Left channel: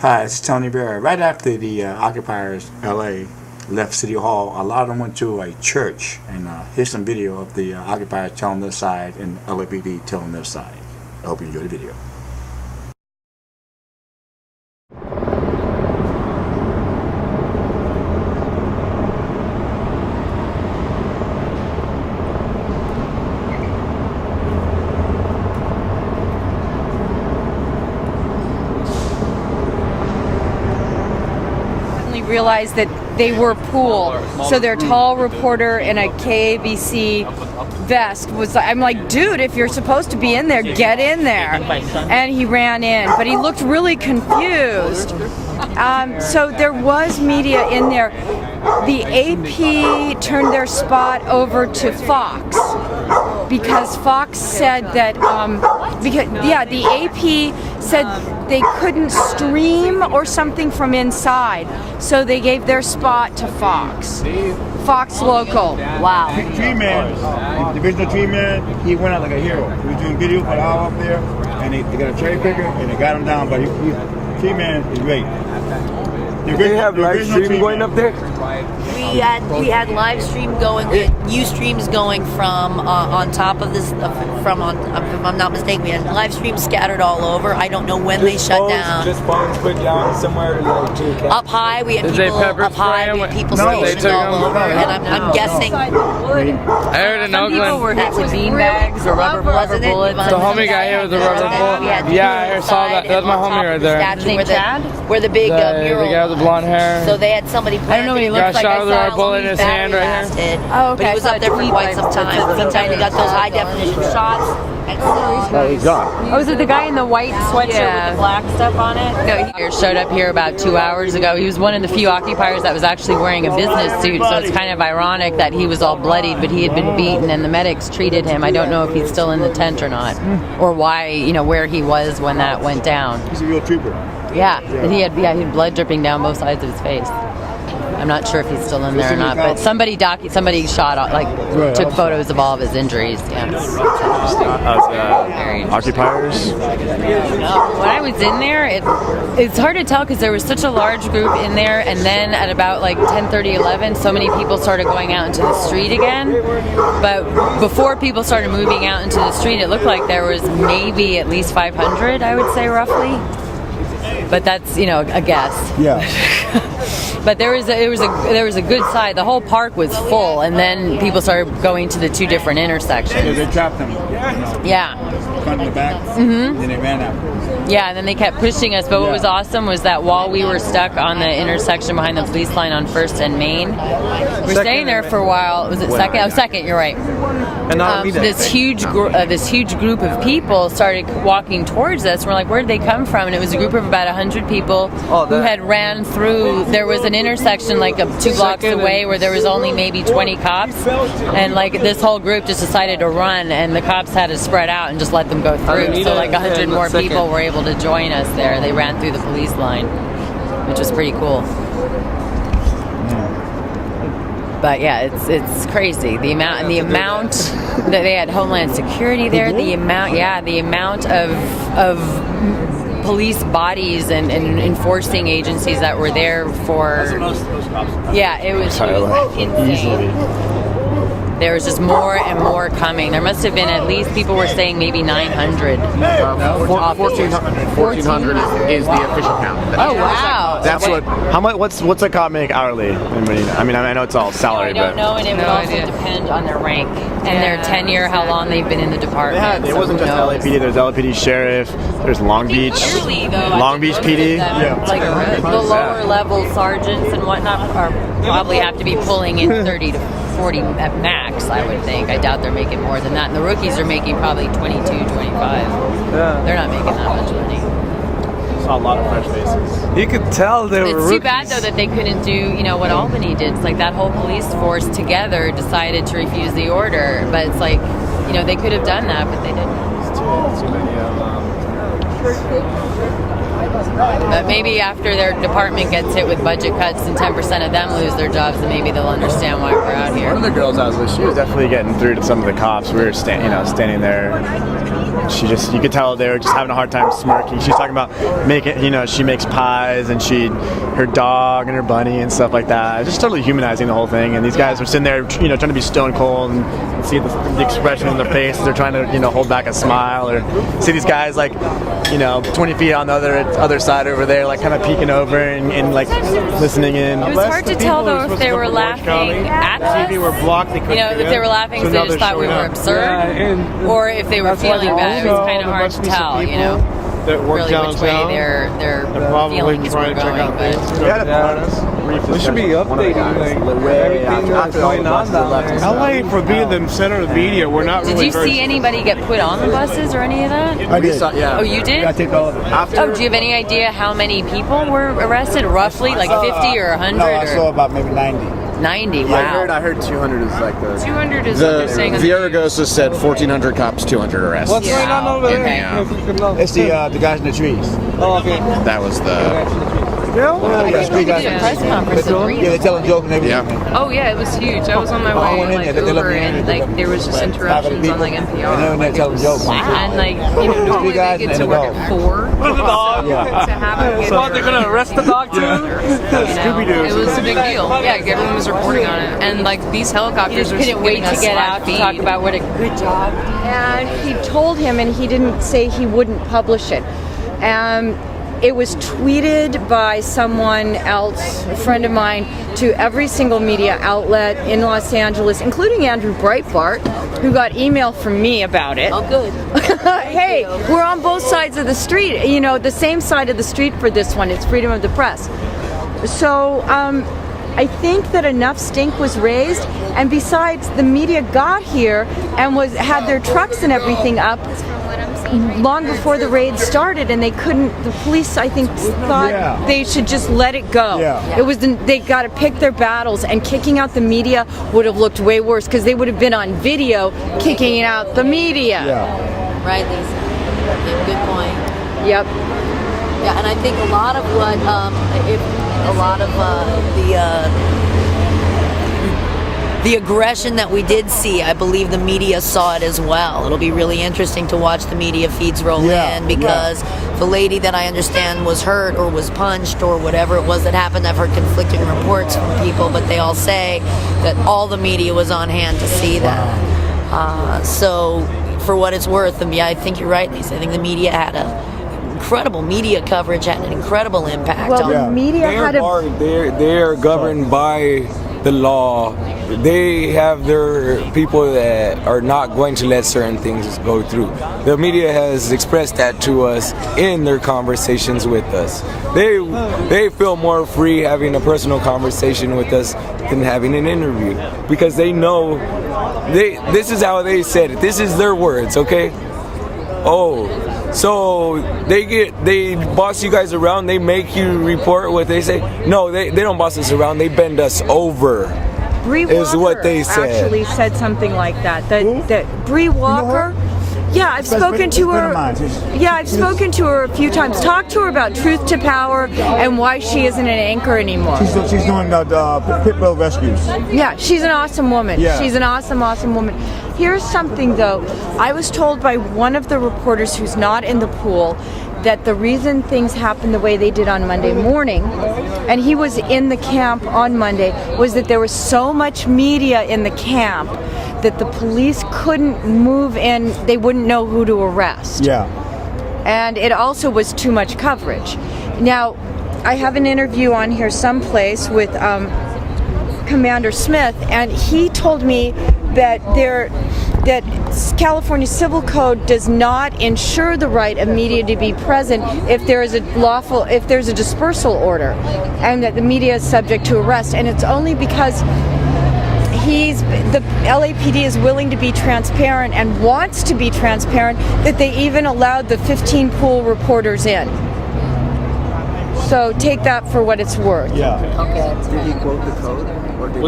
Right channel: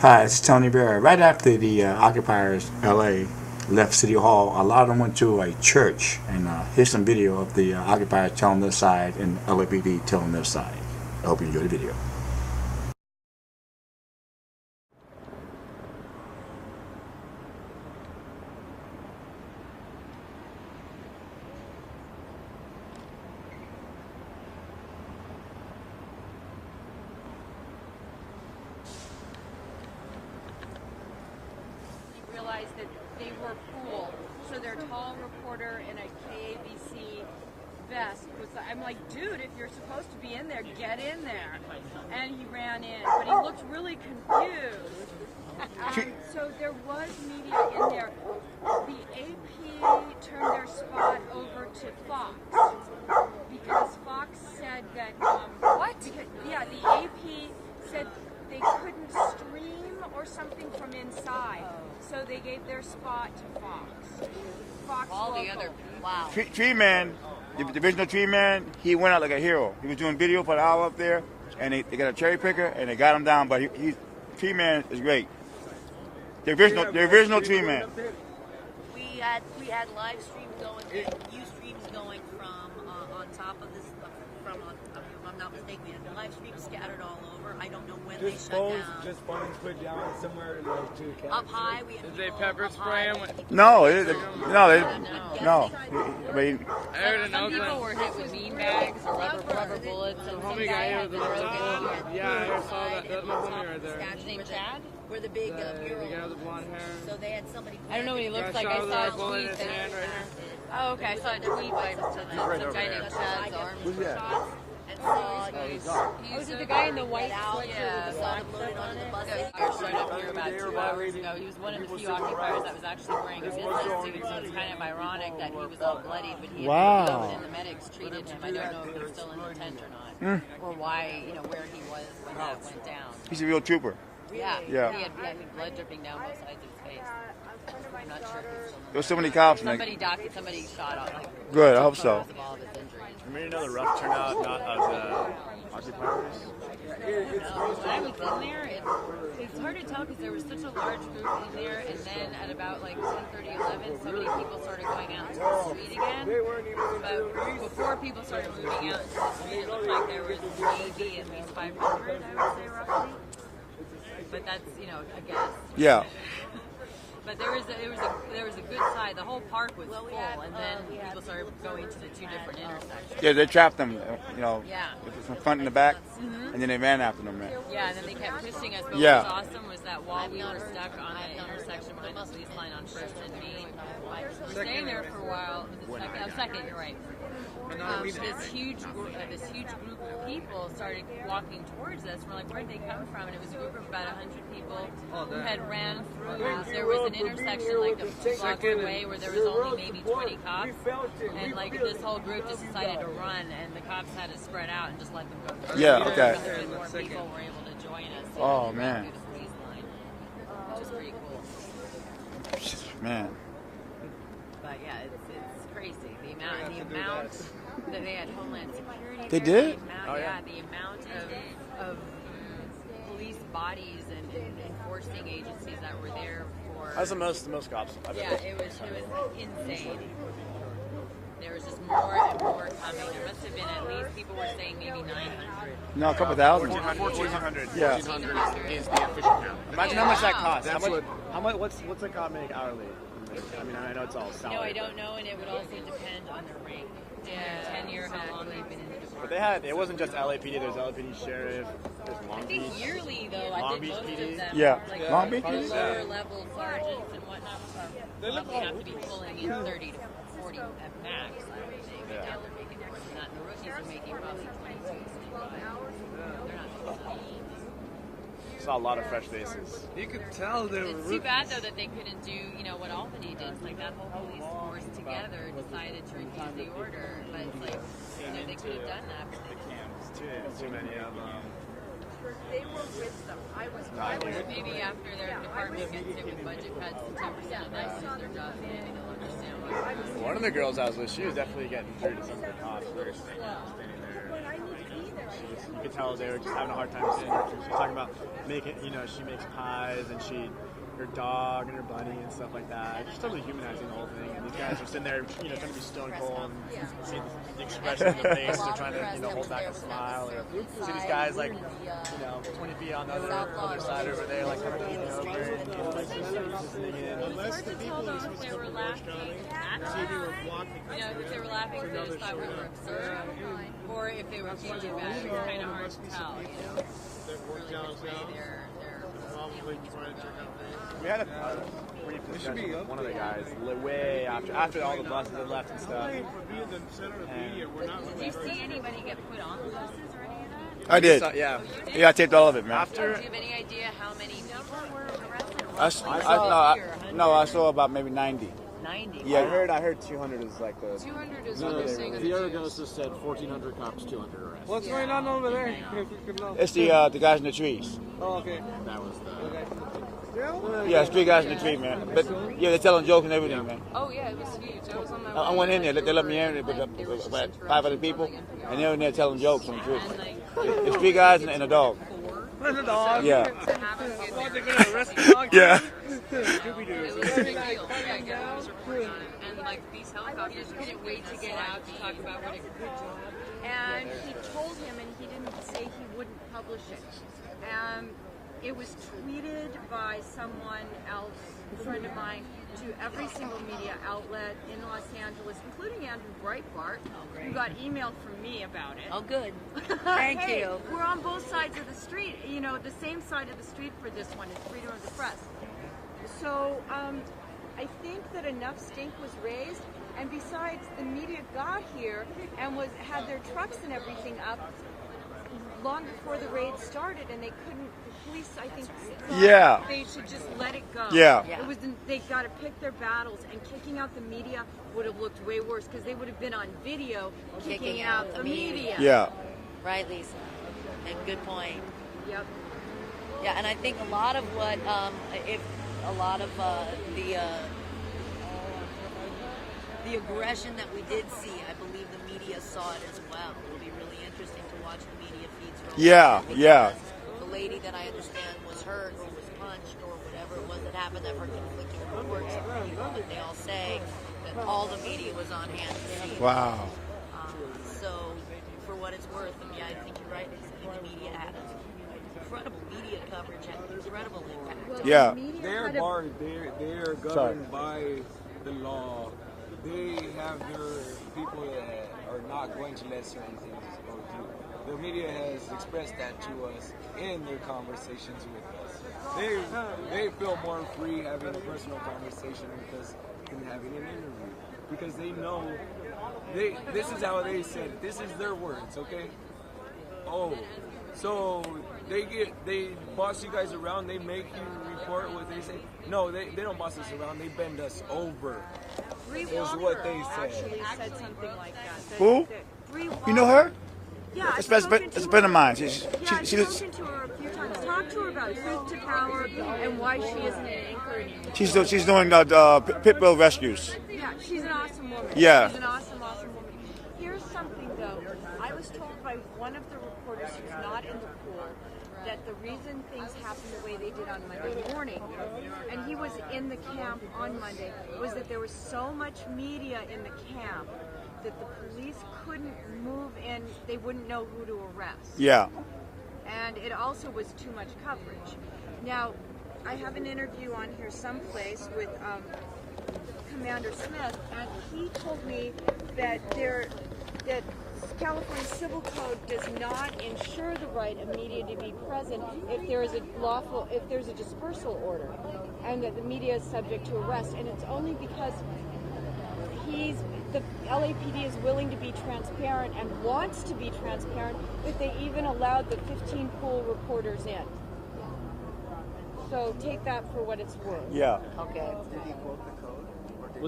Hi, it's Tony Bear. Right after the occupiers, LA, left City Hall, a lot of them went to a church. And here's some video of the occupiers telling their side and LAPD telling their side. I hope you enjoy the video. Realized that they were pool, so their tall reporter in a KABC vest was, I'm like, dude, if you're supposed to be in there, get in there. And he ran in, but he looked really confused. So there was media in there. The AP turned their spot over to Fox because Fox said that the AP said they couldn't stream or something from inside, so they gave their spot to Fox. Fox Local. Wow. Tree Man, the divisional Tree Man, he went out like a hero. He was doing video for the hour up there, and they got a cherry picker and they got him down. But Tree Man is great. The original Tree Man. Up there? We had live stream going, we had Ustreams going from on top of this, if I'm not mistaken, we had live streams scattered all over. I don't know when they shut down. Just phones put down somewhere to up high, we had people up high, we had people stationed all over, and I'm guessing. I heard in Oakland. People were hit with beanbags or rubber bullets. The homie got hit with a rubber bullet. Yeah, I saw that. That was my homie right there. Where the big mural. The guy with the blonde hair. So they had somebody. I don't know what he looks like. Got shot with a bullet in his hand right here. Oh, okay. But he was up there for quite some time. Sometimes he got those high definition shots. he's gone. Oh, is it the guy in the white sweatshirt with the black stuff on it? No, he showed up here about 2 hours ago. He was one of the few occupiers that was actually wearing a business suit, so it's kind of ironic that he was all bloodied, but he had been beaten and the medics treated him. I don't know if he's still in the tent or not, or why, where he was when that went down. He's a real trooper. Yeah. He had blood dripping down both sides of his face. I'm not sure if he's still in there or not, but somebody shot, took photos of all of his injuries. Yeah. Occupiers? When I was in there, it's hard to tell because there was such a large group in there, and then at about 10:30, 11, so many people started going out into the street again. But before people started moving out into the street, it looked like there was maybe at least 500, I would say, roughly. But that's, a guess. Yeah. But there was a good side. The whole park was full, and then people started going to the two different intersections. They trapped them. Yeah. Front and the back. Mm-hmm. Then they ran out. Yeah, and then they kept pushing us. But what was awesome was that while we were stuck on the intersection behind the police line on 1st and Main, we're staying there for a while. Was it second? Oh, second. You're right. And this huge group of people started walking towards us. We're like, where did they come from? And it was a group of about 100 people who had ran through. There was an intersection 2 blocks away where there was only maybe 20 cops, and this whole group just decided to run, and the cops had to spread out and just let them go through. So 100 more people were able to join us there. They ran through the police line, which was pretty cool. But yeah, it's crazy the amount that they had Homeland Security there. The amount of police bodies and enforcing agencies that were there for. Yeah, it was insane. There was just more and more coming. There must have been at least, people were saying maybe 900. 1,400 is the official count. Oh, wow. That's what's a cop make hourly? I mean, I know it's all salary, I don't know, and it would also depend on their rank and their tenure, how long they've been in the department. It wasn't just LAPD. There's LAPD sheriff. There's Long Beach PD. The lower level sergeants and whatnot probably have to be pulling in 30 to 40 at max, I would think. I doubt they're making more than that. And the rookies are making probably 22, 25. Yeah. They're not making that much money. Saw a lot of fresh faces. You could tell they were It's rookies. too bad, though, that they couldn't do, what Albany did. It's like that whole police force together decided to refuse the order. But it's like, they could have done that, but they didn't. But maybe after their department gets hit with budget cuts and 10% of them lose their jobs, then maybe they'll understand why we're out here. One of the girls I was with, she was definitely getting through to some of the cops. We were standing there. you could tell they were just having a hard time smirking. She's talking about she makes pies and her dog and her bunny and stuff like that. Just totally humanizing the whole thing. And these guys were sitting there, trying to be stone cold and see the expression in their face. They're trying to, hold back a smile, or see these guys 20 feet on the other side over there, kind of peeking over and listening in. It was hard to tell though if they were laughing at us. If they were laughing because they just thought we were absurd, or if they were feeling bad. It was kind of hard to tell, really which way their feelings were going. But we should be updating everything that's going on down there. LA, for being the center of the media, we're not Did really you see anybody get put on the buses or any of that? I did. Oh, you did? Yeah, I taped all of it. Oh, do you have any idea how many people were arrested? Roughly, 50 or 100? No, I saw about maybe 90. 90, Yeah, wow. I heard 200 is like the... 200 is what they're saying. Viragosa said 1,400 cops, 200 arrests. What's going on over there? It's the guys in the trees. Oh, okay. That was the... Yeah, street guys in the Press trees. conference at Yeah, they're telling jokes and everything. Yeah. Oh yeah, it was huge. I was on my I way went in there. They let Uber, me in. and there was just interruptions on NPR. And they're in there telling jokes. And normally Three guys they get and to a work dog. at 4. Yeah. To have them get They're going to arrest the dog too? It was a big deal. Yeah, everyone was reporting on it. And these helicopters are Couldn't wait to get out to talk about what a good job. And he told him, and he didn't say he wouldn't publish it. It was tweeted by someone else, a friend of mine, to every single media outlet in Los Angeles, including Andrew Breitbart, who got email from me about it. Oh, good. Hey, we're on both sides of the street, the same side of the street for this one. It's freedom of the press. So I think that enough stink was raised, and besides, the media got here and had their trucks and everything up long before the raid started, and the police, I think, thought they should just let it go. Yeah. They got to pick their battles, and kicking out the media would have looked way worse because they would have been on video kicking out the media. Yeah. Right, Lisa. Good point. Yep. Yeah, and I think a lot of what, the aggression that we did see, I believe the media saw it as well. It'll be really interesting to watch the media feeds roll in, because the lady that I understand was hurt or was punched or whatever it was that happened, I've heard conflicting reports from people, but they all say that all the media was on hand to see that. So for what it's worth, I think you're right, Lisa. I think the media had incredible media coverage, had an incredible impact. Well, the media had they're governed by the law. They have their people that are not going to let certain things go through. The media has expressed that to us in their conversations with us. They feel more free having a personal conversation with us than having an interview, because they know this is how they said it. This is their words, okay? Oh, so they boss you guys around, they make you report what they say. No, they don't boss us around, they bend us over. Bree is Walker what they said. Actually said something like that. That Bree Walker. You know her? Yeah, I've spoken to her. I've She's spoken to her a few times. Talked to her about truth to power and why she isn't an anchor anymore. She's doing pit bull rescues. Yeah, she's an awesome woman. Yeah. She's an awesome woman. Here's something though. I was told by one of the reporters who's not in the pool that the reason things happened the way they did on Monday morning, and he was in the camp on Monday, was that there was so much media in the camp that the police couldn't move in. They wouldn't know who to arrest. Yeah. And it also was too much coverage. Now, I have an interview on here someplace with Commander Smith, and he told me that California Civil Code does not ensure the right of media to be present if there is a dispersal order, and that the media is subject to arrest. And it's only because the LAPD is willing to be transparent and wants to be transparent that they even allowed the 15 pool reporters in. So take that for what it's worth. Yeah. Okay. Did he quote the code?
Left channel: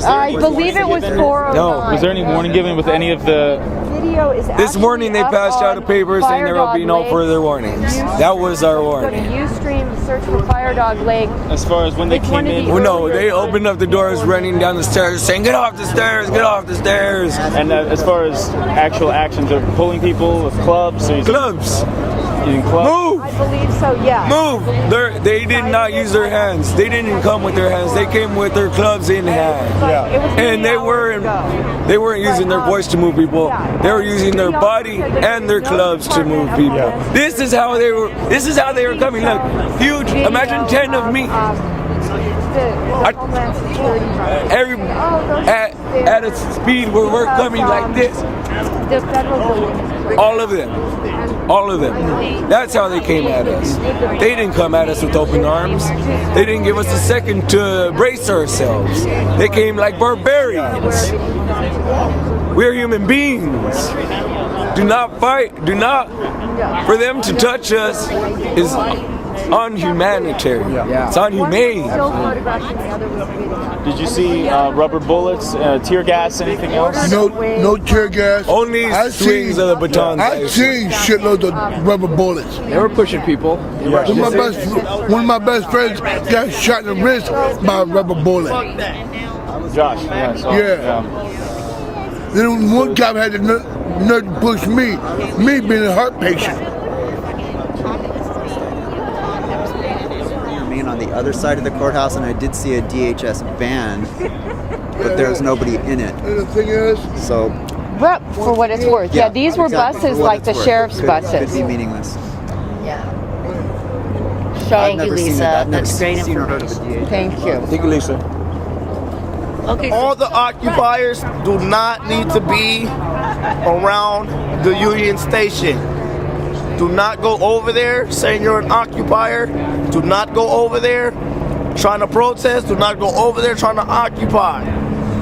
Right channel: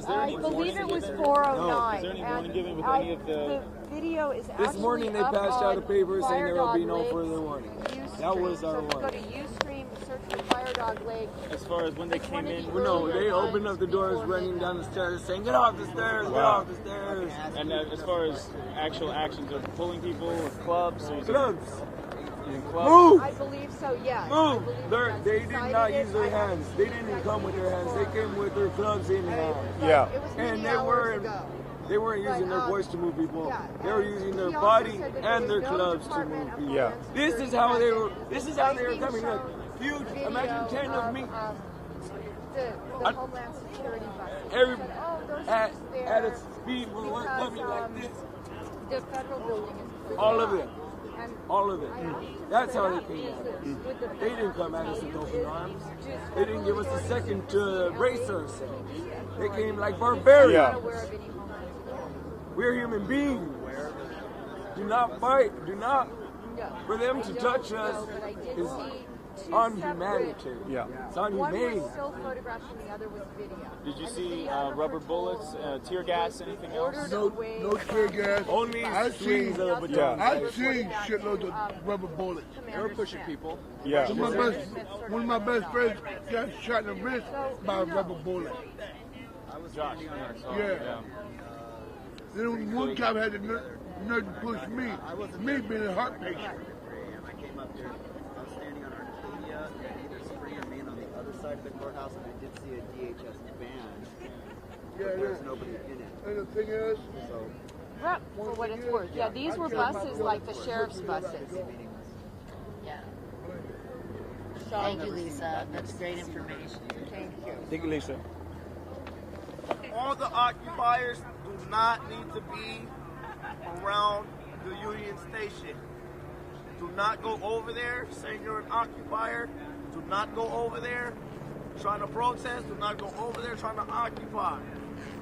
I believe it was 409. No. Was there any warning given with any of the video is This morning they passed out a paper saying there will be no further warnings. That was our warning. Go to Ustream, search for Fire Dog Lake. As far as when they came in, Well, no, they opened up the doors, running down the stairs, saying, "Get off the stairs! Get off the stairs!" and as far as actual actions, they're pulling people with clubs. So Clubs. using clubs. Move! I believe so, yeah. Move! They did not use their hands. They didn't come with their hands. They came with their clubs in hand. Yeah. And they weren't using their voice to move people. They were using their body and their clubs to move people. Yeah. This is how they were coming. Look, huge. Imagine 10 of me. Homeland Security. At a speed where we're coming like this. The federal building. All of them. All of them. That's how they came at us. They didn't come at us with open arms. They didn't give us a second to brace ourselves. They came like barbarians. We're human beings. Do not fight. Do not. For them to touch us is unhumanitarian. It's unhumane. Did you see rubber bullets, tear gas, anything else? No tear gas. Only swings of the batons. I've seen shitloads of rubber bullets. They were pushing people. Yeah. One of my best friends got shot in the wrist by a rubber bullet. Josh. Yeah. Then one cop had the nerve to push me being a heart patient. On the other side of the courthouse, and I did see a DHS van, but there was nobody in it. And the thing is, so For what it's worth. Yeah, these were exactly, buses for what like it's the worth. sheriff's buses. Could be meaningless. Yeah. I've Thank you, never seen it. Lisa. I've never That's great seen or heard of a information. DHS. Thank you. Thank you, Lisa. Okay. All the occupiers do not need to be around the Union Station. Do not go over there saying you're an occupier. Do not go over there trying to protest. Do not go over there trying to occupy.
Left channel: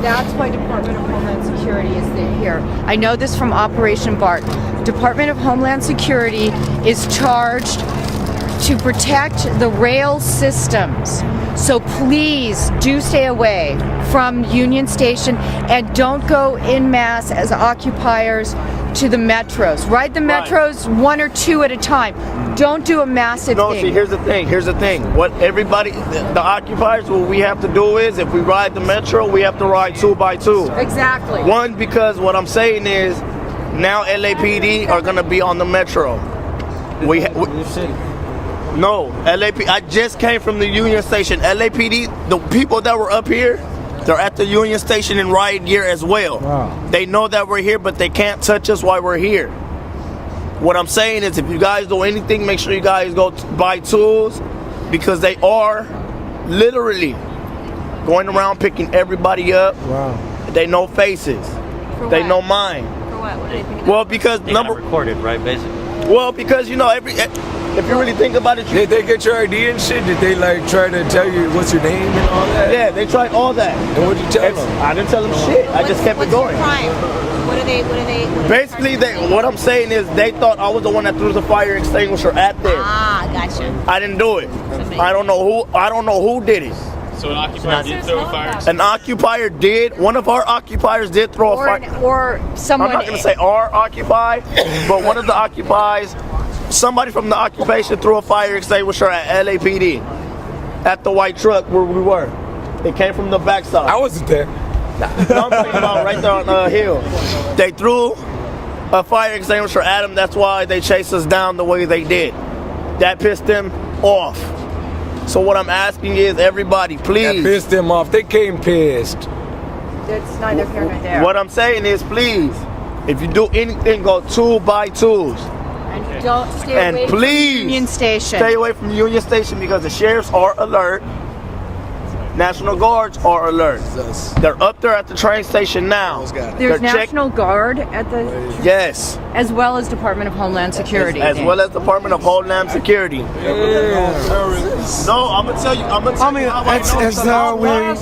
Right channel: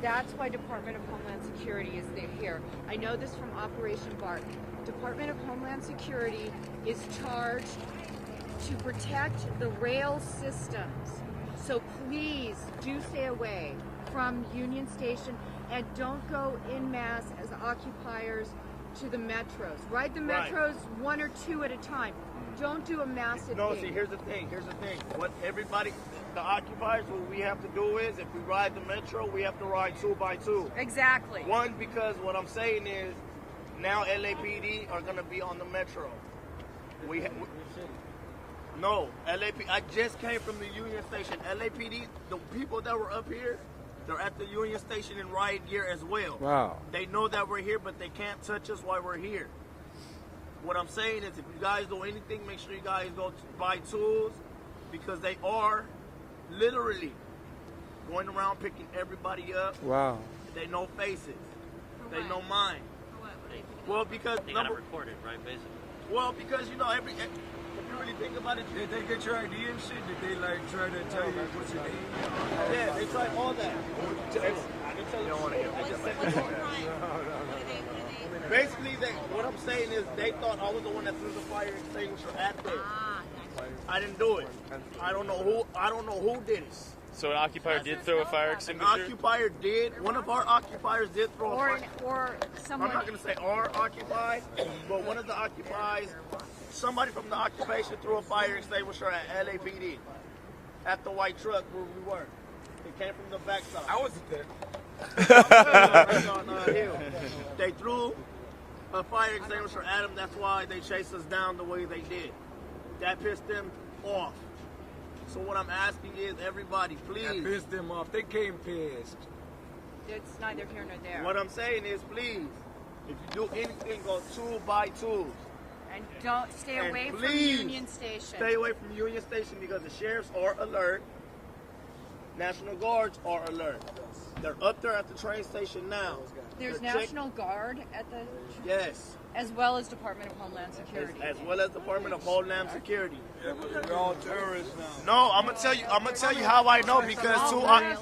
That's why Department of Homeland Security is here. I know this from Operation BART. Department of Homeland Security is charged to protect the rail systems. So please do stay away from Union Station and don't go en masse as occupiers to the metros. Ride the metros one or two at a time. Don't do a massive No, thing. see, here's the thing. What everybody, the occupiers, what we have to do is, if we ride the metro, we have to ride 2 by 2. Exactly. One, because what I'm saying is, now LAPD are gonna be on the metro. No, LAPD. I just came from the Union Station. LAPD, the people that were up here, they're at the Union Station in riot gear as well. Wow. They know that we're here, but they can't touch us while we're here. What I'm saying is, if you guys do anything, make sure you guys go buy tools, because they are literally going around picking everybody up. Wow. They know faces. They know mine. For what? What do they think? Well, because They got it recorded, right? Basically. Well, because you know, if you really think about it, Did they get your ID and shit? Did they like try to tell you what's your name and all that? yeah, they tried all that. And what'd you tell them? I didn't tell them shit. I just kept it going. What are they? Basically, what I'm saying is they thought I was the one that threw the fire extinguisher at them. Ah, gotcha. I didn't do it. I don't know who did it. So an occupier did throw a fire. An occupier did. One of our occupiers did throw a fire. Or someone. I'm not going to say our occupy, but one of the occupies, somebody from the occupation threw a fire extinguisher at LAPD at the white truck where we were. It came from the backside. I wasn't there. No, I'm talking about right there on the hill. They threw a fire extinguisher at them. That's why they chased us down the way they did. That pissed them off. So what I'm asking is, everybody, please. That pissed them off. They came pissed. It's neither here nor there. What I'm saying is, please, if you do anything, go 2 by 2s. And don't stay And away please, from Union Station. Stay away from Union Station, because the sheriffs are alert. National Guards are alert. They're up there at the train station now. There's National Guard at the. Yes. As well as Department of Homeland Security. As well as Department of Homeland Security. No, I'm gonna tell you how I know.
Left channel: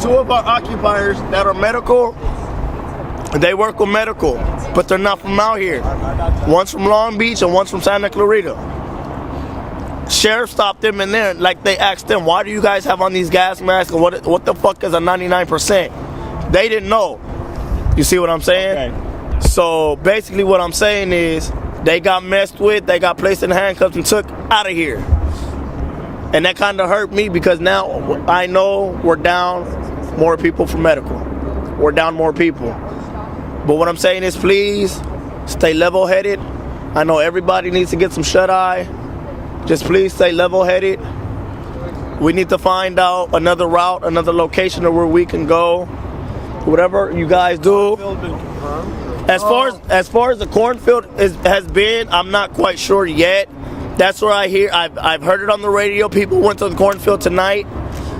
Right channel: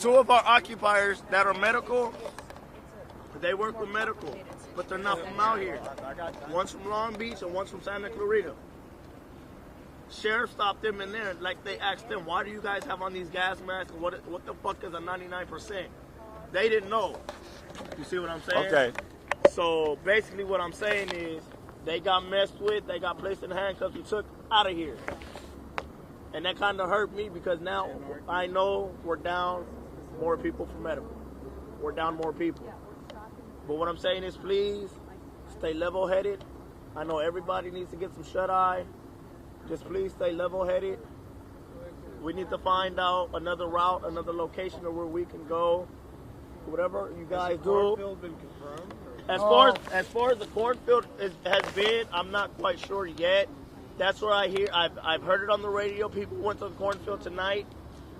Two of our occupiers that are medical, they work with medical, but they're not from out here. One's from Long Beach and one's from Santa Clarita. Sheriff stopped them in there, like they asked them, why do you guys have on these gas masks? And what the fuck is a 99%? They didn't know. You see what I'm saying? Okay. So basically what I'm saying is they got messed with, they got placed in handcuffs and took out of here. And that kind of hurt me because now I know we're down more people for medical. We're down more people. But what I'm saying is please stay level-headed. I know everybody needs to get some shut-eye. Just please stay level-headed. We need to find out another route, another location of where we can go. Whatever you guys do. As far as the cornfield has been, I'm not quite sure yet. That's where I hear. I've heard it on the radio. People went to the cornfield tonight.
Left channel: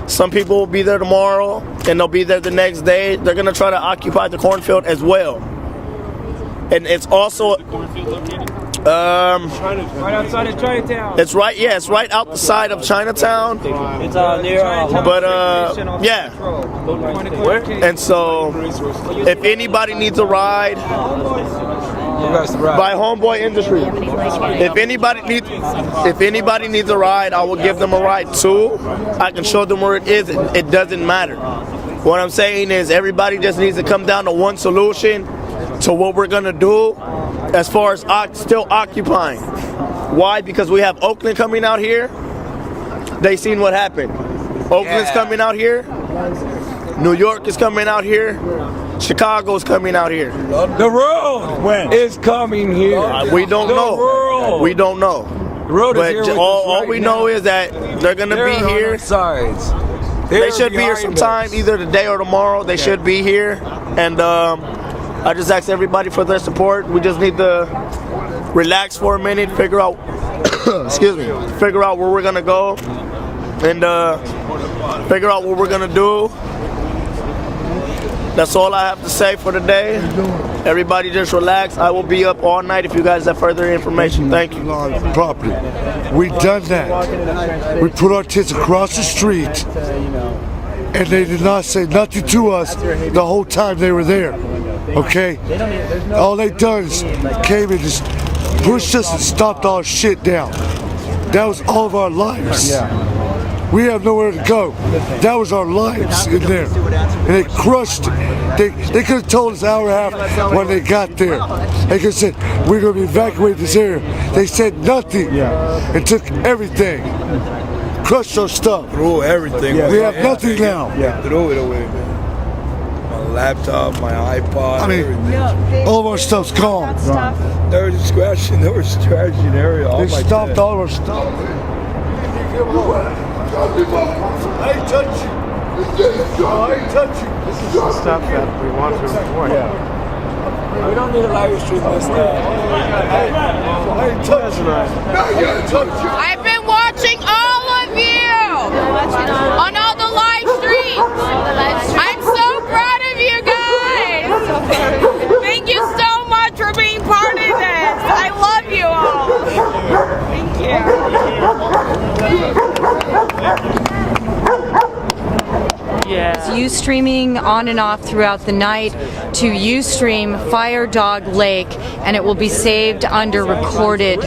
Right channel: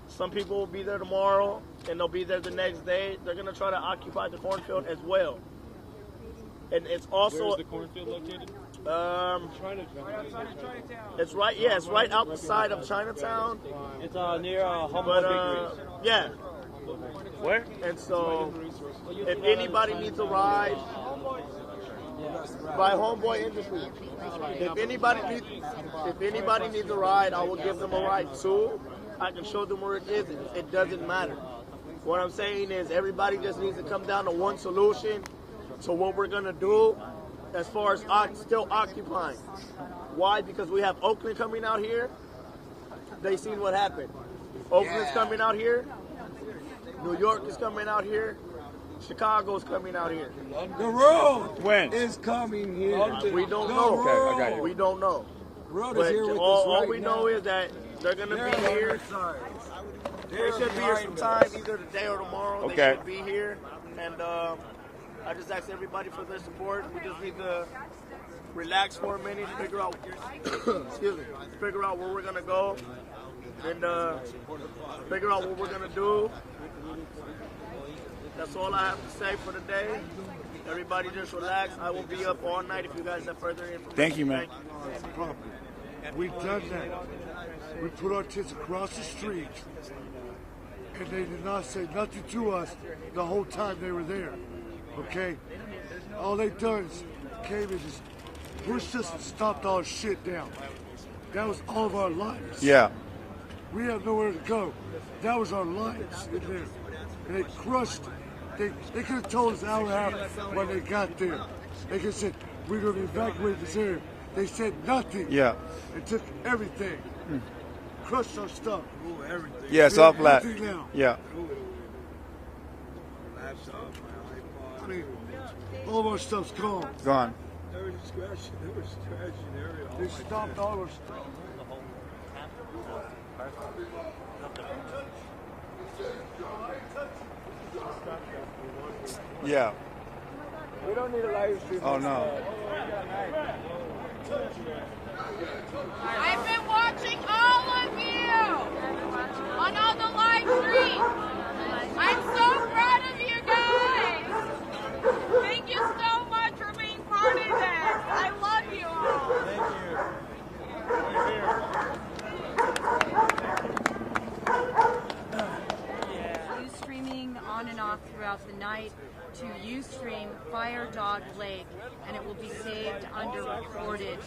Some people will be there tomorrow, and they'll be there the next day. They're gonna try to occupy the cornfield as well. And it's also right outside of Chinatown. It's right. Yeah, it's right outside of Chinatown. It's near. But yeah. And so, if anybody needs a ride, by Homeboy Industry. If anybody needs a ride, I will give them a ride too. I can show them where it is. It doesn't matter. What I'm saying is everybody just needs to come down to one solution to what we're gonna do as far as still occupying. Why? Because we have Oakland coming out here. They seen what happened. Oakland's coming out here. New York is coming out here. Chicago's coming out here. The world is coming here. We don't know. World. We don't know. The road but is here all we know is that they're going to be here. Sides. They should be here sometime, either today or tomorrow. They should be here. And I just ask everybody for their support. We just need to relax for a minute, figure out, figure out where we're going to go, and figure out what we're going to do. That's all I have to say for today. Everybody just relax. I will be up all night if you guys have further information. Thank you. Property. We done that. We put our tents across the street, and they did not say nothing to us the whole time they were there. Okay? All they done is came and just pushed us and stomped our shit down. That was all of our lives. Yeah. We have nowhere to go. That was our lives in there. And they crushed it. They could have told us an hour and a half when they got there. They could have said, we're going to evacuate this area. They said nothing and took everything. Crushed our stuff. Throw everything. We have nothing now. Yeah. Throw it away, man. My laptop, my iPod, everything. All of our stuff's gone. There was scratching, area. They stopped all of our stuff. I ain't touch you. I ain't touch you. This is the stuff that we want to report. Yeah. We don't need a live stream this stuff. I ain't touch you. No, you ain't touch you. I've been watching all of you on all the live streams. I'm so proud of you guys. Thank you so much for being part of this. I love you all. Thank you. It's Ustreaming on and off throughout the night to Ustream Fire Dog Lake, and it will be saved under recorded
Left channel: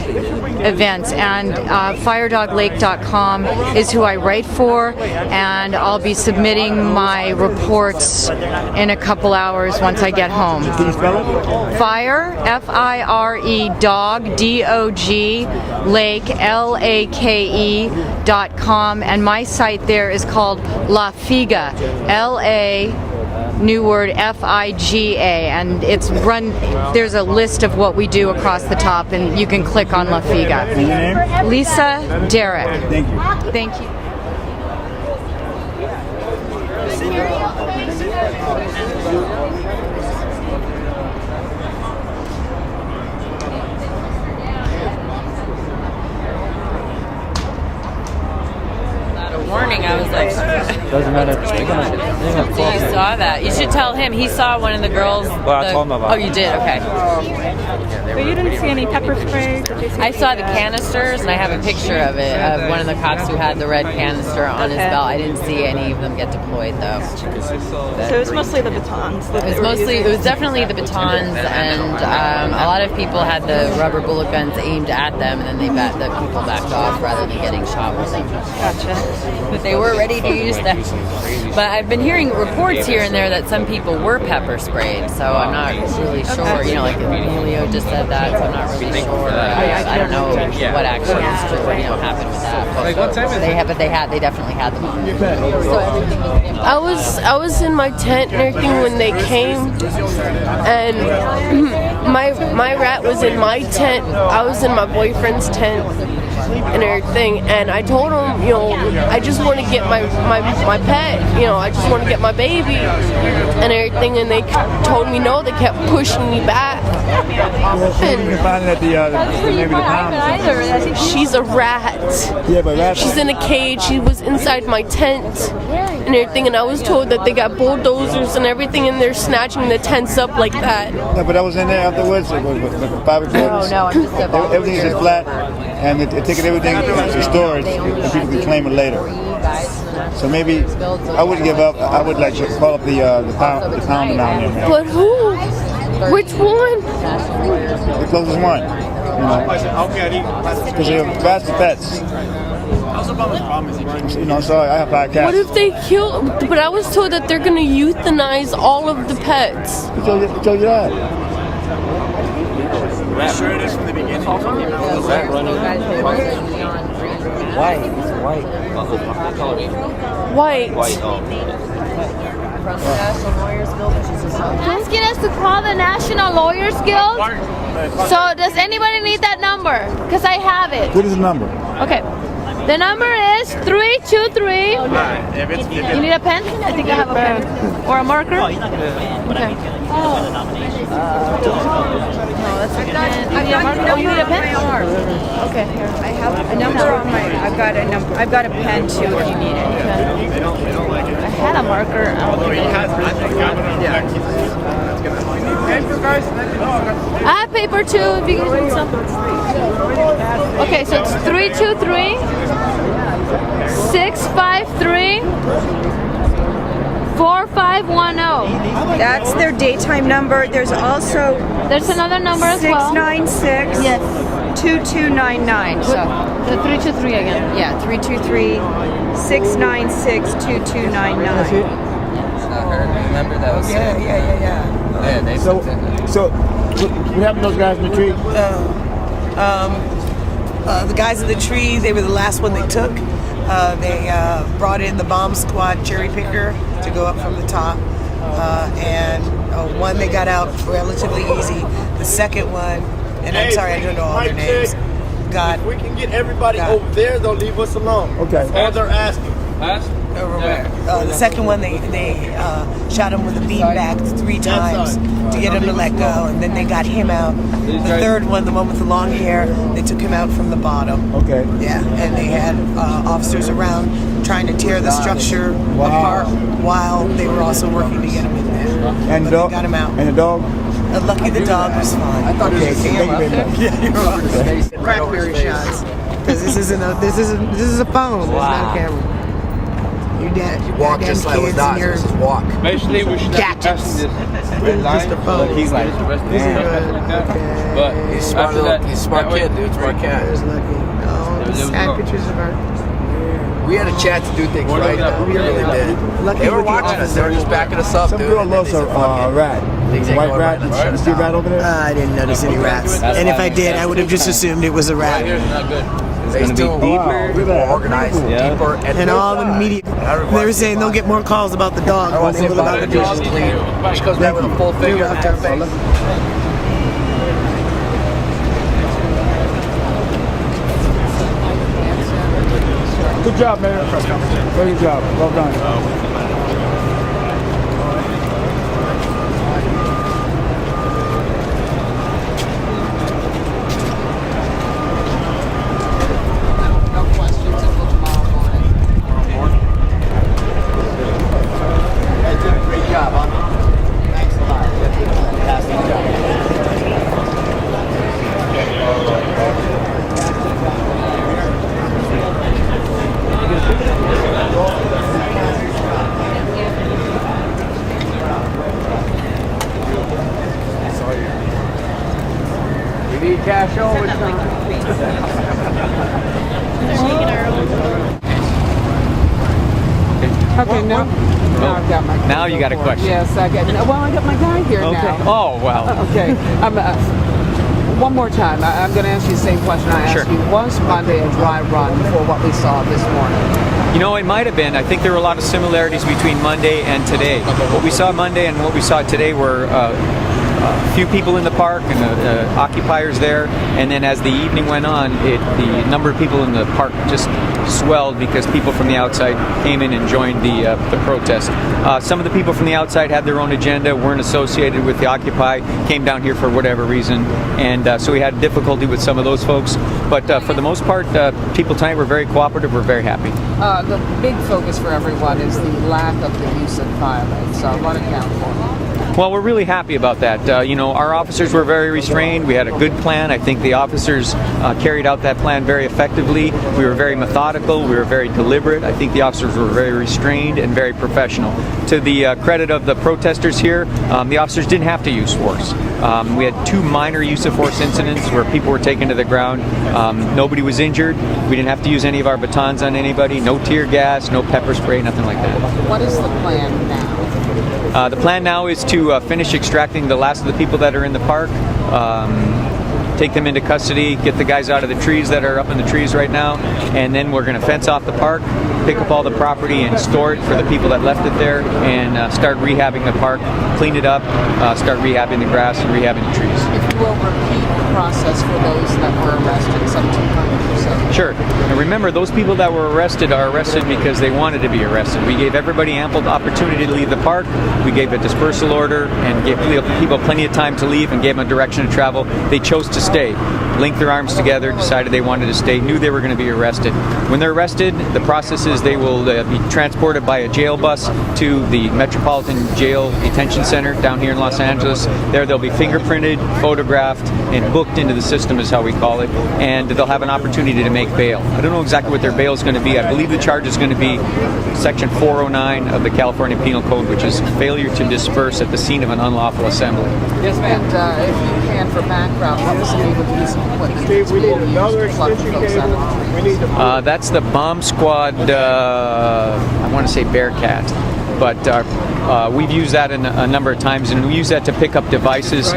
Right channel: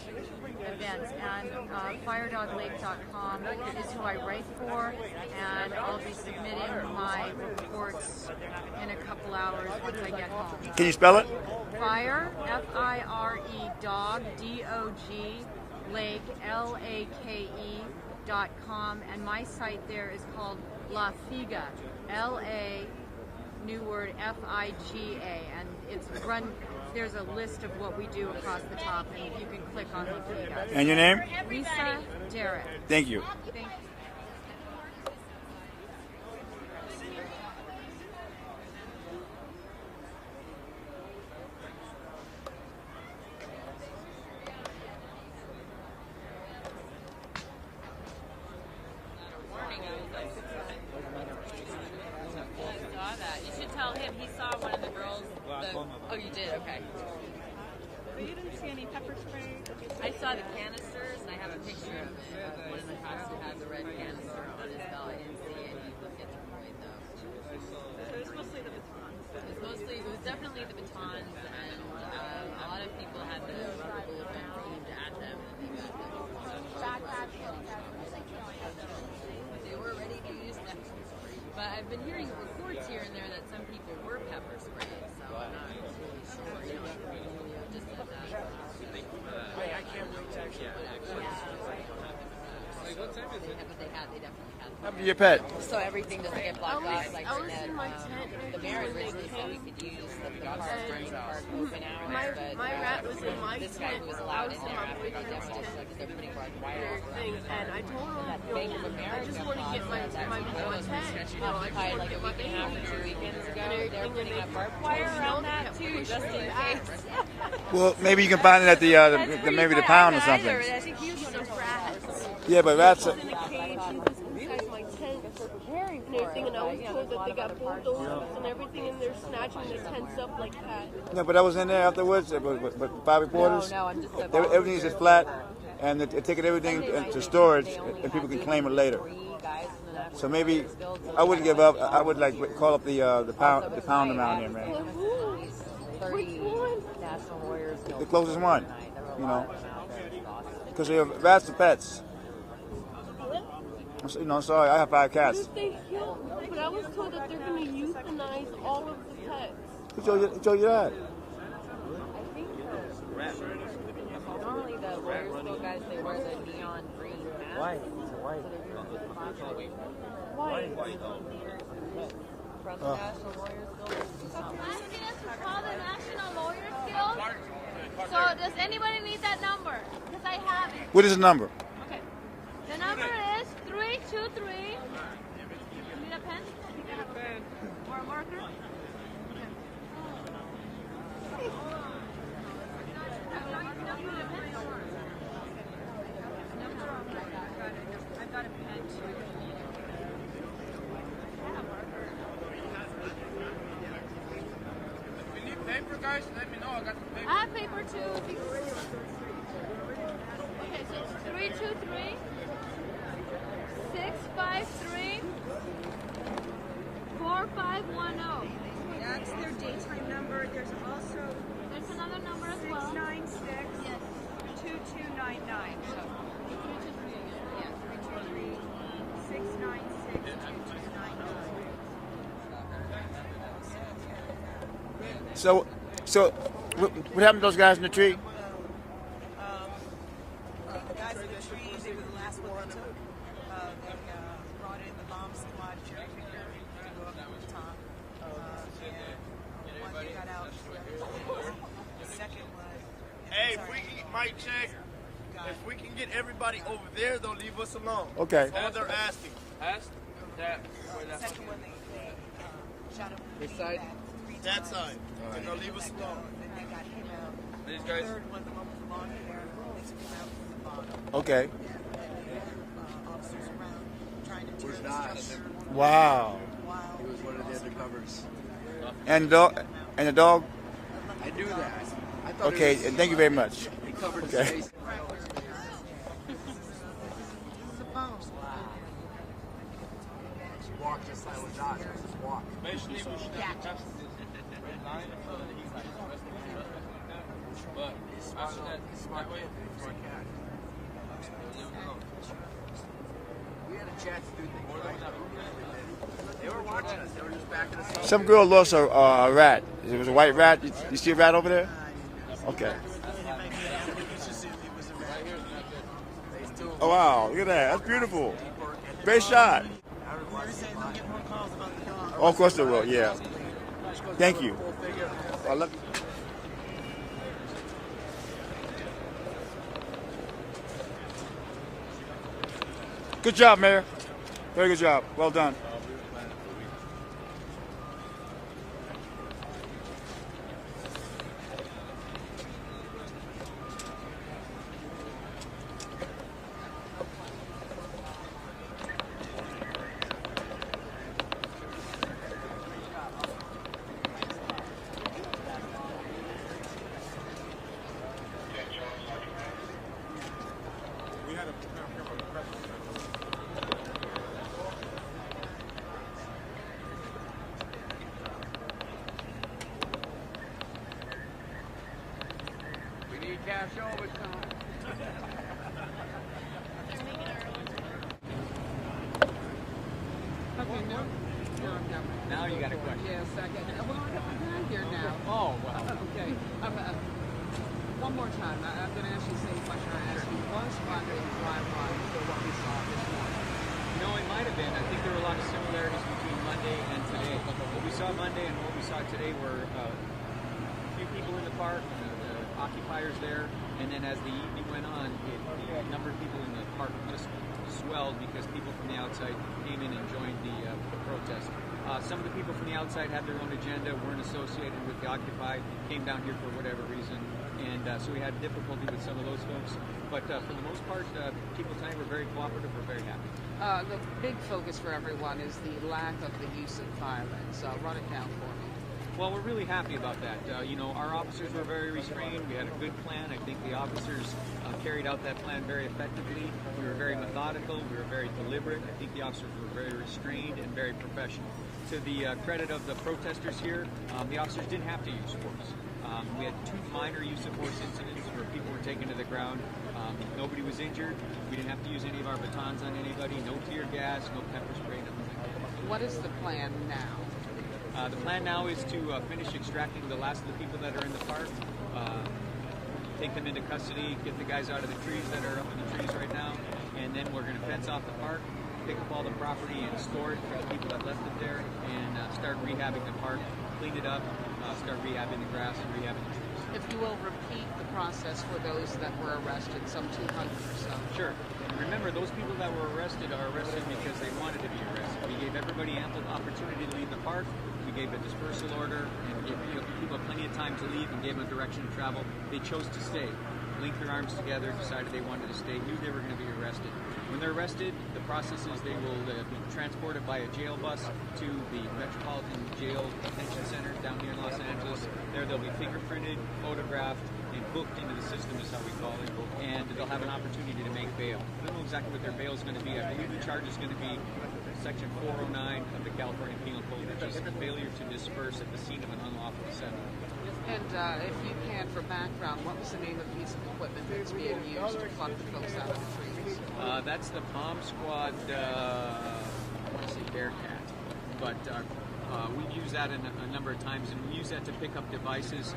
events. And firedoglake.com is who I write for, and I'll be submitting my reports in a couple hours once I get home. Can you spell it? Fire, F-I-R-E, dog, D-O-G, lake, L-A-K-E.com, and my site there is called La Figa, L-A, new word, F-I-G-A, and it's run, there's a list of what we do across the top, and you can click on La Figa. And your name? Lisa Derrick. Thank you. Thank you. Warning, I was like, Doesn't matter. you saw that. You should tell him. He saw one of the girls. I told him about Oh, you did? Okay. But you didn't see any pepper spray? I saw the canisters, and I have a picture of it, of one of the cops who had the red canister on his belt. I didn't see any of them get deployed, though. So it was mostly the batons. It was definitely the batons, and a lot of people had the rubber bullet guns aimed at them, and then the people backed off rather than getting shot with them. Gotcha. that they were ready to use them. But I've been hearing reports here and there that some people were pepper sprayed, so I'm not really sure. You know, like Emilio just said that, so I'm not really sure. I don't know what actually is true, you know, happened with that. But they definitely had them on. Your pet. I was in my tent and everything when they came, and my rat was in my tent. I was in my boyfriend's tent and everything, and I told him, you know, I just want to get my pet, you know, I just want to get my baby and everything, and they told me no. They kept pushing me back. Well, maybe you can find it at maybe the pound or something. She's a rat. Yeah, but that's... She's in a cage. She was inside my tent and everything, and I was told that they got bulldozers and everything, and they're snatching the tents up like that. No, but I was in there afterwards. It was 5 reporters. No, I'm just everything's just flat, and they're taking everything to storage, and people can claim it later. So maybe I wouldn't give up. I would like call up the pound down there. But who? Which one? The closest one. You know, because they're vast pets. You know, so I have 5 cats. What if they kill? But I was told that they're going to euthanize all of the pets. Who told you that? Sure it is from the beginning. White. Asking us to call the National Lawyers Guild. So does anybody need that number? Because I have it. What is the number? Okay. The number is 323. You need a pen? I think I have a pen. Or a marker? Okay. No, that's a pen. You need a pen? Okay, here. I have a number on my. I've got a number. I've got a pen too if you need it. I had a marker. I have paper too if you guys need some. Okay, so it's 323 653 4510. That's their daytime number. There's also another number as well. 696 2299. So the 323 again. Yeah, 323 696 2299. Remember that was Yeah. So what happened to those guys in the tree? The guys in the tree, they were the last one they took. They brought in the bomb squad cherry picker to go up from the top. And one they got out relatively easy. The second one, and I'm sorry, I don't know all their names, got... If we can get everybody over there, they'll leave us alone. Okay. All they're asking. Over where? The second one, they shot him with a beanbag 3 times to get him to let go, and then they got him out. The third one, the one with the long hair, they took him out from the bottom. Okay. Yeah, and they had officers around trying to tear the structure apart while they were also working to get him in there. And But they got him out. And the dog? Lucky the dog was fine. Okay, thank you very much. Yeah, you're welcome. Crackberry shots. Because this is a phone. It's not a camera. Your dad, walk just like with dogs. Just walk. Basically, we should have been passing this red line. But he's like, but he's smart. He's a smart kid, dude. Smart cat. Sad pictures of her. We had a chance to do things right. We really did. They were watching us. They were just backing us up. Some girl lost a rat. A white rat. Did you see a rat over there? I didn't notice any rats. And if I did, I would have just assumed it was a rat. It's going to be deeper, more organized, deeper, And all the media, they were saying they'll get more calls about the dog. Once they about to do is clean. She goes back with a full finger on her face. Good job, Mayor. Very good job. Well done. Cash overtime. Okay, now I've got my. Now you got a question. Yes, I got. Well, I got my guy here now. Oh, well. Okay. One more time. I'm going to ask you the same question I asked you. Was Monday a dry run for what we saw this morning? You know, it might have been. I think there were a lot of similarities between Monday and today. What we saw Monday and what we saw today were a few people in the park and occupiers there. And then as the evening went on, the number of people in the park just swelled because people from the outside came in and joined the protest. Some of the people from the outside had their own agenda, weren't associated with the Occupy, came down here for whatever reason, and so we had difficulty with some of those folks. But for the most part, people tonight were very cooperative, we're very happy. The big focus for everyone is the lack of the use of violence. Run it down for me. Well, we're really happy about that. You know, our officers were very restrained. We had a good plan. I think the officers carried out that plan very effectively. We were very methodical. We were very deliberate. I think the officers were very restrained and very professional. To the credit of the protesters here, the officers didn't have to use force. We had 2 minor use of force incidents where people were taken to the ground. Nobody was injured. We didn't have to use any of our batons on anybody. No tear gas, no pepper spray, nothing like that. What is the plan now? The plan now is to finish extracting the last of the people that are in the park, take them into custody, get the guys out of the trees that are up in the trees right now, and then we're going to fence off the park, pick up all the property and store it for the people that left it there, and start rehabbing the park, clean it up, start rehabbing the grass and rehabbing the trees. If you will repeat the process for those that were arrested, some 200 or so. Sure. And remember, those people that were arrested are arrested because they wanted to be arrested. We gave everybody ample opportunity to leave the park. We gave a dispersal order and gave people plenty of time to leave and gave them a direction to travel. They chose to stay, linked their arms together, decided they wanted to stay, knew they were going to be arrested. When they're arrested, the process is they will be transported by a jail bus to the Metropolitan Jail Detention Center down here in Los Angeles. There they'll be fingerprinted, photographed, and booked into the system is how we call it, and they'll have an opportunity to make bail. I don't know exactly what their bail is going to be. I believe the charge is going to be Section 409 of the California Penal Code, which is failure to disperse at the scene of an unlawful assembly. Yes, and if you can, for background, what was the name of the piece of equipment that's being used to pluck the folks out of the trees? That's the bomb squad, I want to say Bearcat, but we've used that a number of times, and we use that to pick up devices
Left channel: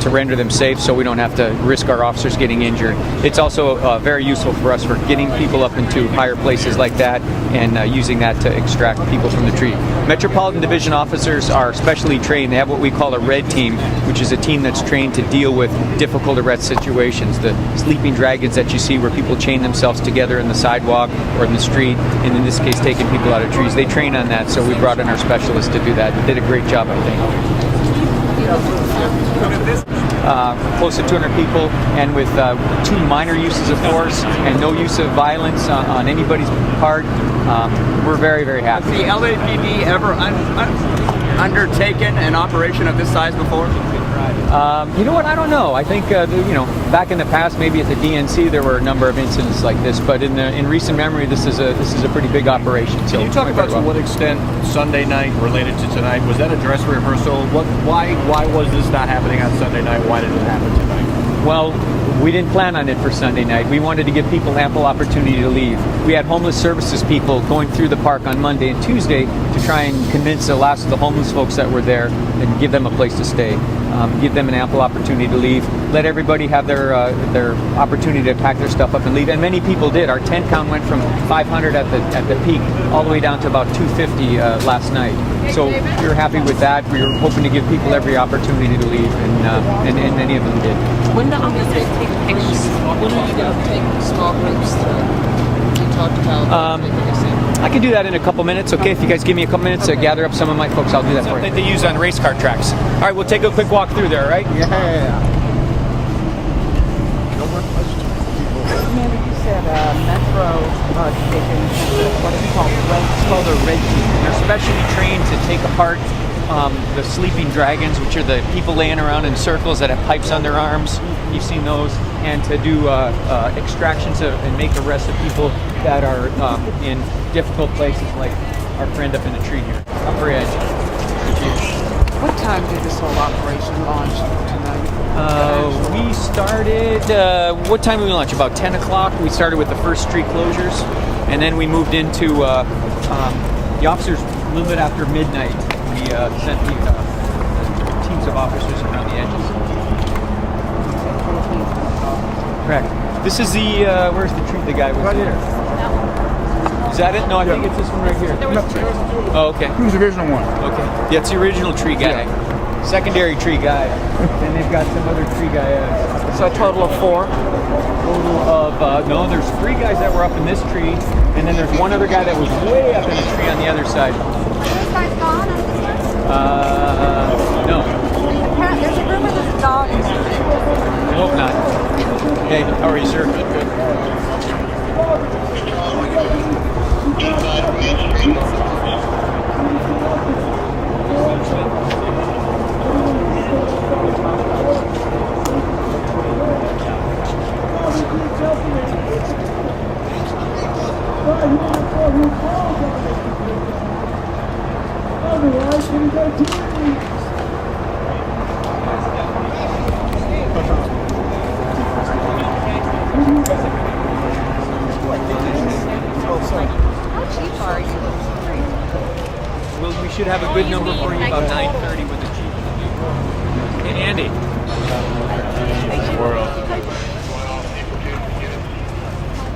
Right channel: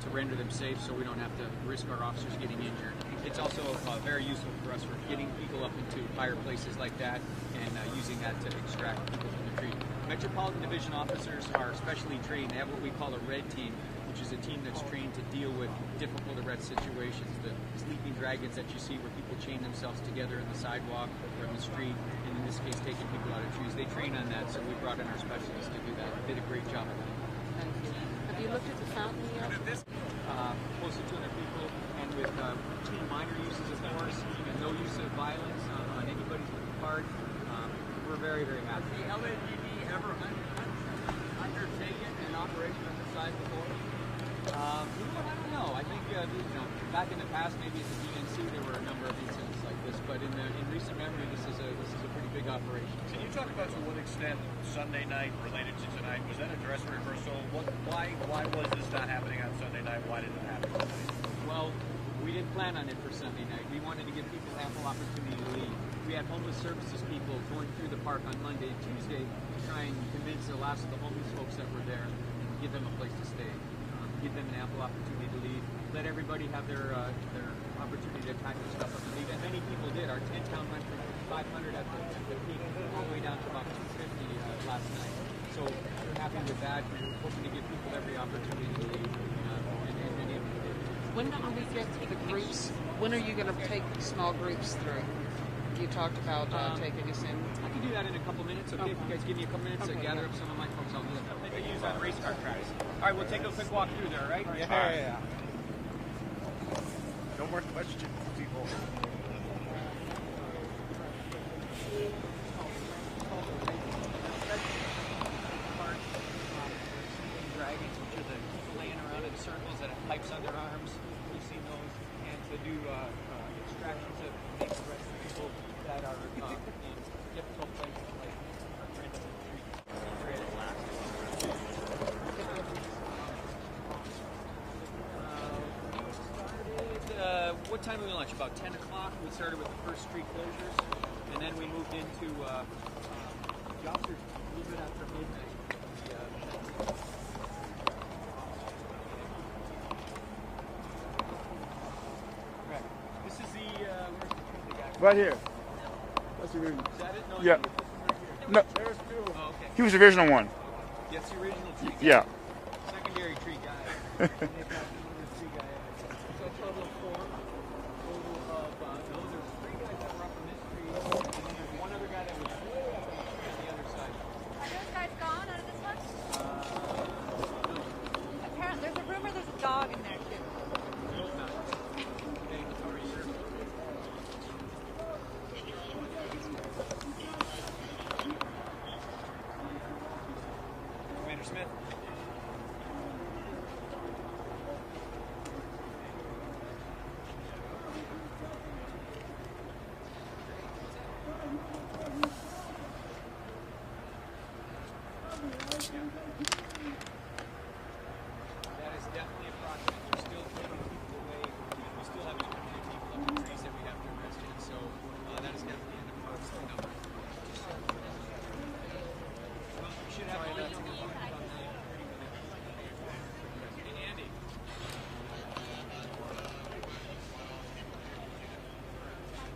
to render them safe so we don't have to risk our officers getting injured. It's also very useful for us for getting people up into higher places like that and using that to extract people from the tree. Metropolitan Division officers are specially trained. They have what we call a red team, which is a team that's trained to deal with difficult arrest situations. The sleeping dragons that you see where people chain themselves together in the sidewalk or in the street, and in this case taking people out of trees. They train on that, so we brought in our specialists to do that. They did a great job, I think. Close to 200 people, and with 2 minor uses of force and no use of violence on anybody's part, we're very, very happy. Has the LAPD ever undertaken an operation of this size before? You know what? I don't know. I think back in the past, maybe at the DNC, there were a number of incidents like this. But in recent memory, this is a pretty big operation. So can you talk about to what extent Sunday night related to tonight? Was that a dress rehearsal? Why was this not happening on Sunday night? Why did it happen tonight? Well, we didn't plan on it for Sunday night. We wanted to give people ample opportunity to leave. We had homeless services people going through the park on Monday and Tuesday to try and convince the last of the homeless folks that were there and give them a place to stay. Give them an ample opportunity to leave. Let everybody have their opportunity to pack their stuff up and leave. And many people did. Our tent count went from 500 at the peak all the way down to about 250 last night. So we were happy with that. We were hoping to give people every opportunity to leave, and many of them did. When the officers take pictures, when are you going to take small groups through? You talked about taking a sample. I can do that in a couple minutes, okay? If you guys give me a couple minutes to gather up some of my folks, I'll do that for you. Something they use on race car tracks. All right, we'll take a quick walk through there, all right? Yeah. You said Metro Division, what is it called? It's called a red team. They're specially trained to take apart the sleeping dragons, which are the people laying around in circles that have pipes on their arms. You've seen those. And to do extractions and make arrests of people that are in difficult places, like our friend up in the tree here, upper edge. What time did this whole operation launch tonight? We started, what time did we launch? About 10 o'clock. We started with the first street closures, and then we moved into the officers a little bit after midnight. We sent the teams of officers around the edges. Correct. This is the, where's the tree the guy was? Right here. Is that it? No, I think it's this one right here. Oh, okay. He was the original one. Okay. Yeah, it's the original tree guy. Yeah. Secondary tree guy. Then they've got some other tree guy. So a total of 4? Total of, no, there's 3 guys that were up in this tree, and then there's one other guy that was way up in the tree on the other side. No. There's a rumor there's a dog in there. I hope not. Hey, how are you, sir? Good. Well, we should have a good number for you about 9:30 with the Jeep. Hey, Andy.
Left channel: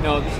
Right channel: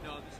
No, this is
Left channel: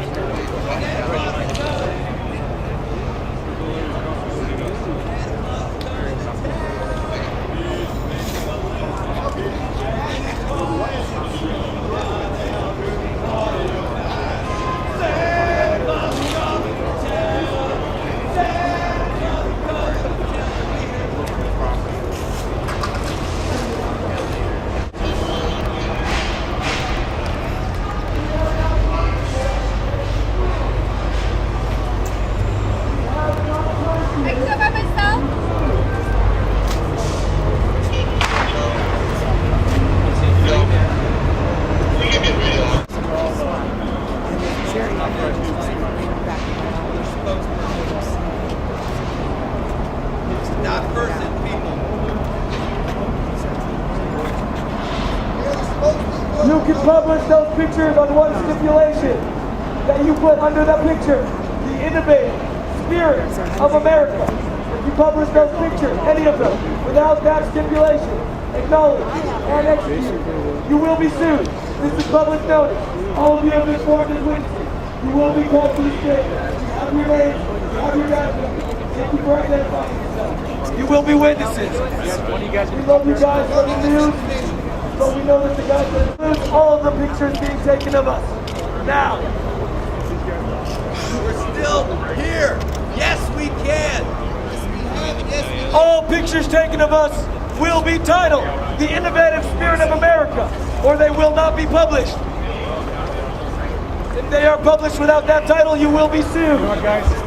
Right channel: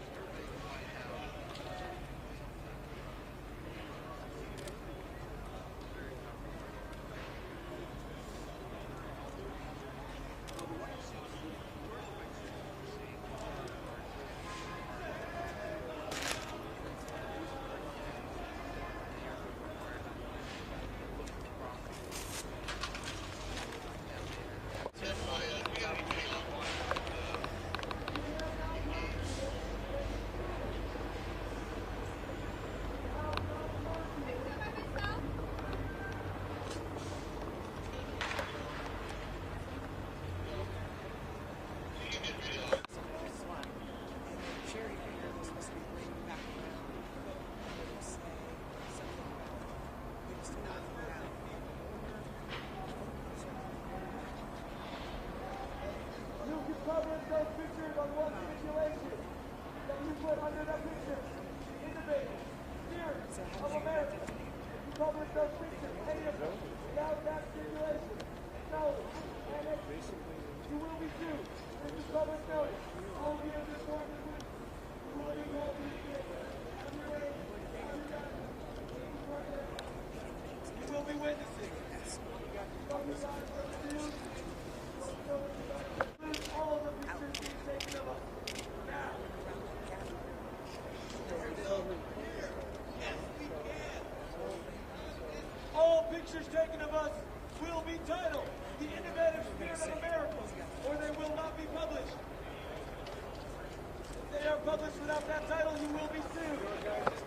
You can publish those pictures on one stipulation, that you put under that picture the innovative spirit of America. If you publish those pictures, any of them, without that stipulation, acknowledged and executed, you will be sued. This is public notice. All of you have been sworn as witnesses. You will be called to the stage. Have your names, have your documents. Thank you for identifying yourself. You will be witnesses. We love you guys from the news. So we know that the guys that lose all of the pictures being taken of us. Now. We're still here. Yes, we can. All pictures taken of us will be titled The Innovative Spirit of America, or they will not be published. If they are published without that title, you will be sued. Come on, guys.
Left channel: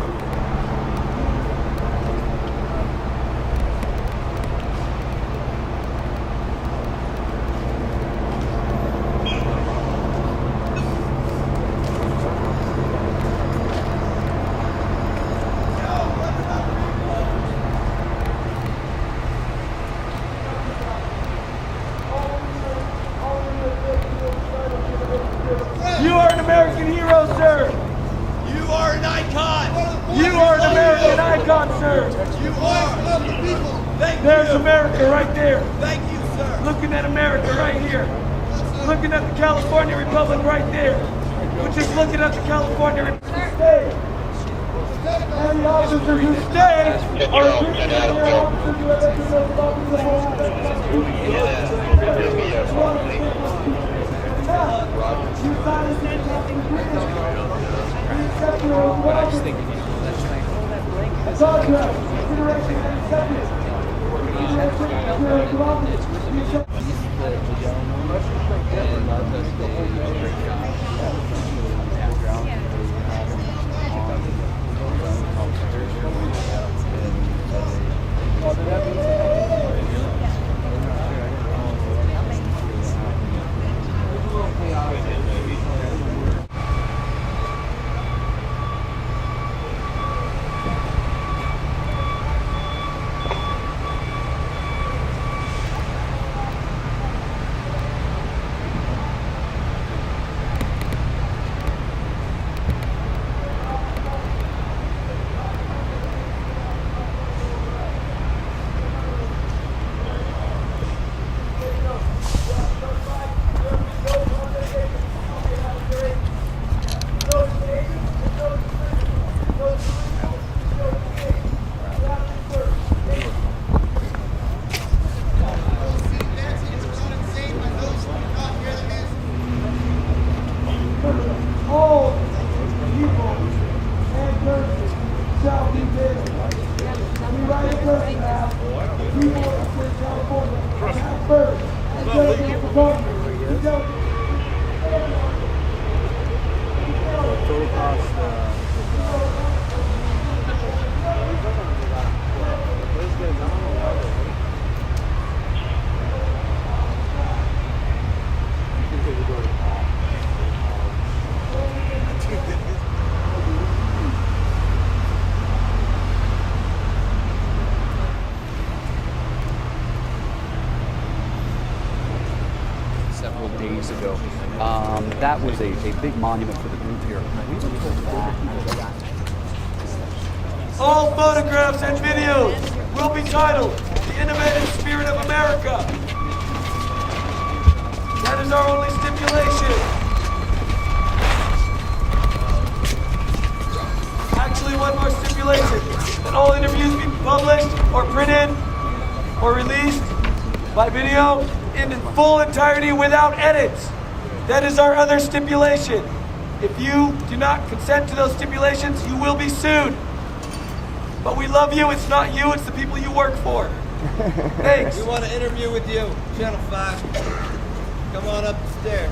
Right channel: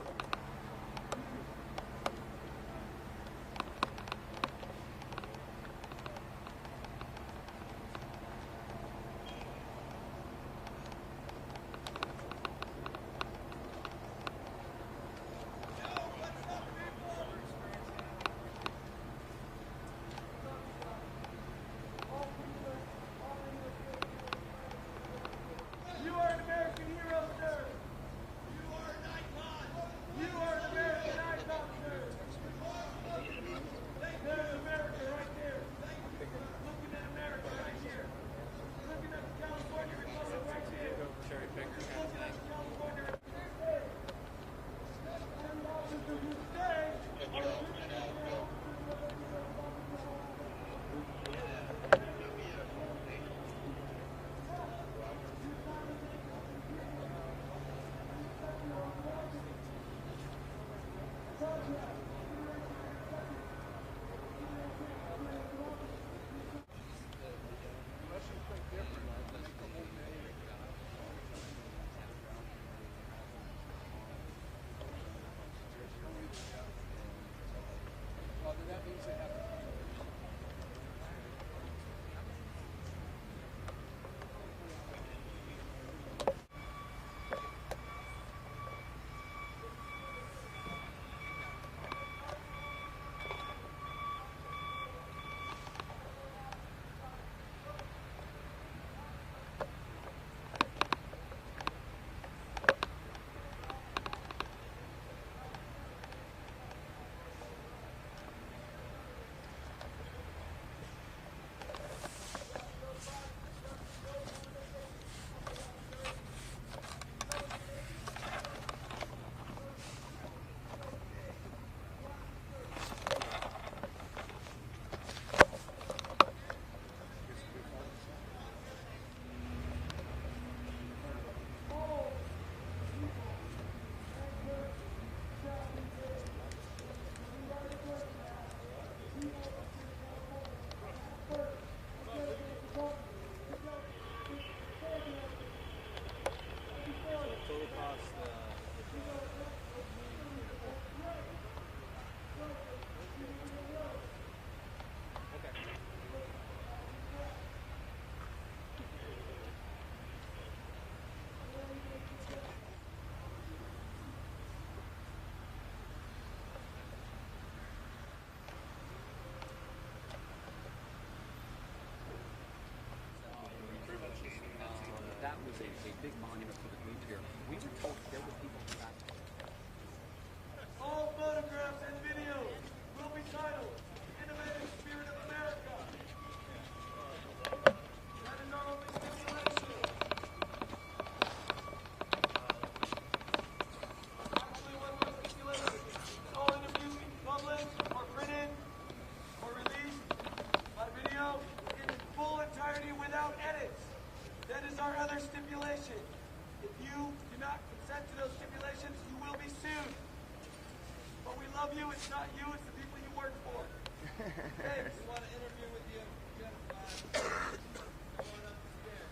You are an American hero, sir. You are an icon. You are an American icon, sir. You are of the people. Thank There's you. America right there. Thank you, sir. Looking at America right here. Looking at the California Republic right there. We're just looking at the California Republic. Stay. And the officers who stay are appreciating their officers who have entered those offices of all the you silence and talking British. We accept your own contract, consideration and acceptance. ago. That was a big monument for the group here. We were told that. All photographs and videos will be titled "The Innovative Spirit of America." That is our only stipulation. Actually, one more stipulation: that all interviews be published or printed or released by video in full entirety without edits. That is our other stipulation. If you do not consent to those stipulations, you will be sued. But we love you. It's not you, it's the people you work for. Thanks. We want to interview with you, Channel 5. Come on up the stairs.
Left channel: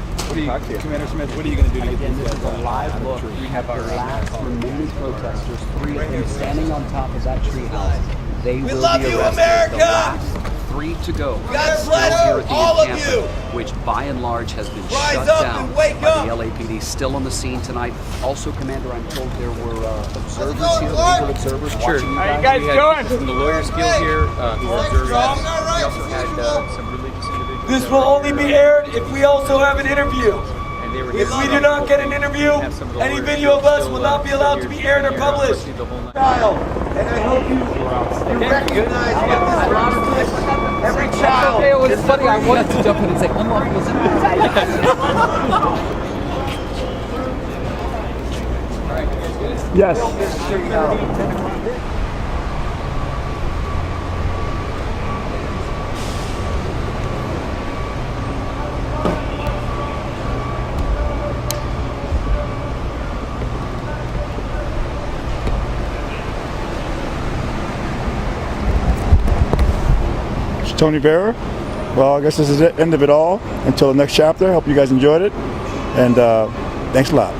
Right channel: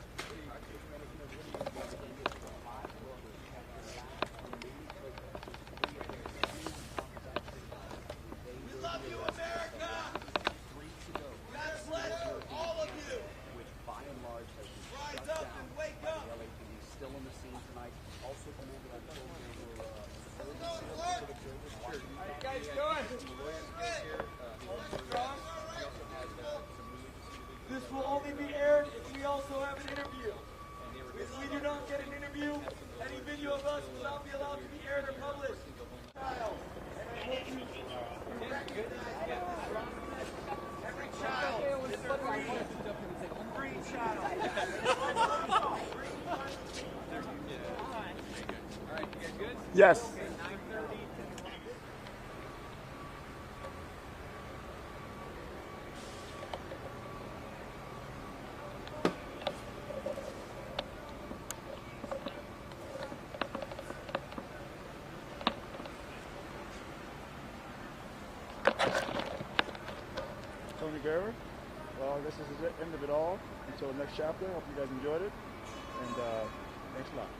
Commander Smith, what are you going to do to get this is a live look? We have our last remaining protesters, 3 of them standing on top of that treehouse. They will love be you, arrested. America! The last 3 to go. God Still bless here at the all of encampment, you! which by and large has been Rise shut up down and wake by up! the LAPD. Still on the scene tonight. Also, Commander, I'm told there were observers go, here, Clark! legal observers Sure. watching you How you guys. guys doing? From the Lawyers Guild here, who are observing. Strong. We also had some religious individuals. This that will were only here, be aired if we also have an interview. and they were If we do not get an interview, any video of us will not be allowed to be aired or published. Child, and I hope you recognize every child. It was funny. I wanted to jump in and say, unlock this. Yes. Tony Vera. Well, I guess this is the end of it all. Until the next chapter. Hope you guys enjoyed it. And thanks a lot.